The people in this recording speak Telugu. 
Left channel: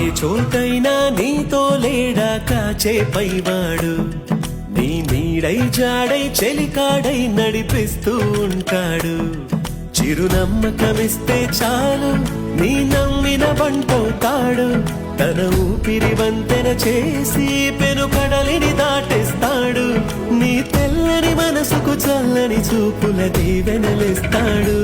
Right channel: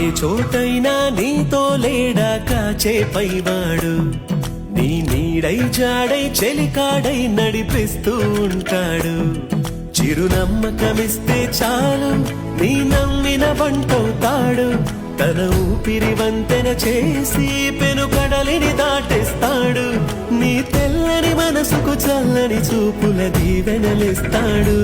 ఏ చోటైనా నీతో లేడా కాచే పైవాడు, నీ నీడై జాడై చెలికాడై నడిపిస్తూ ఉంటాడు. చిరునమ్మకమిస్తే చాలు నీ నమ్మిన బంటవుతాడు. తన ఊపిరి వంతెన చేసి పెను కడలిని దాటేస్తాడు. నీ తెల్లని మనసుకు చల్లని చూపుల దీవెనలిస్తాడు.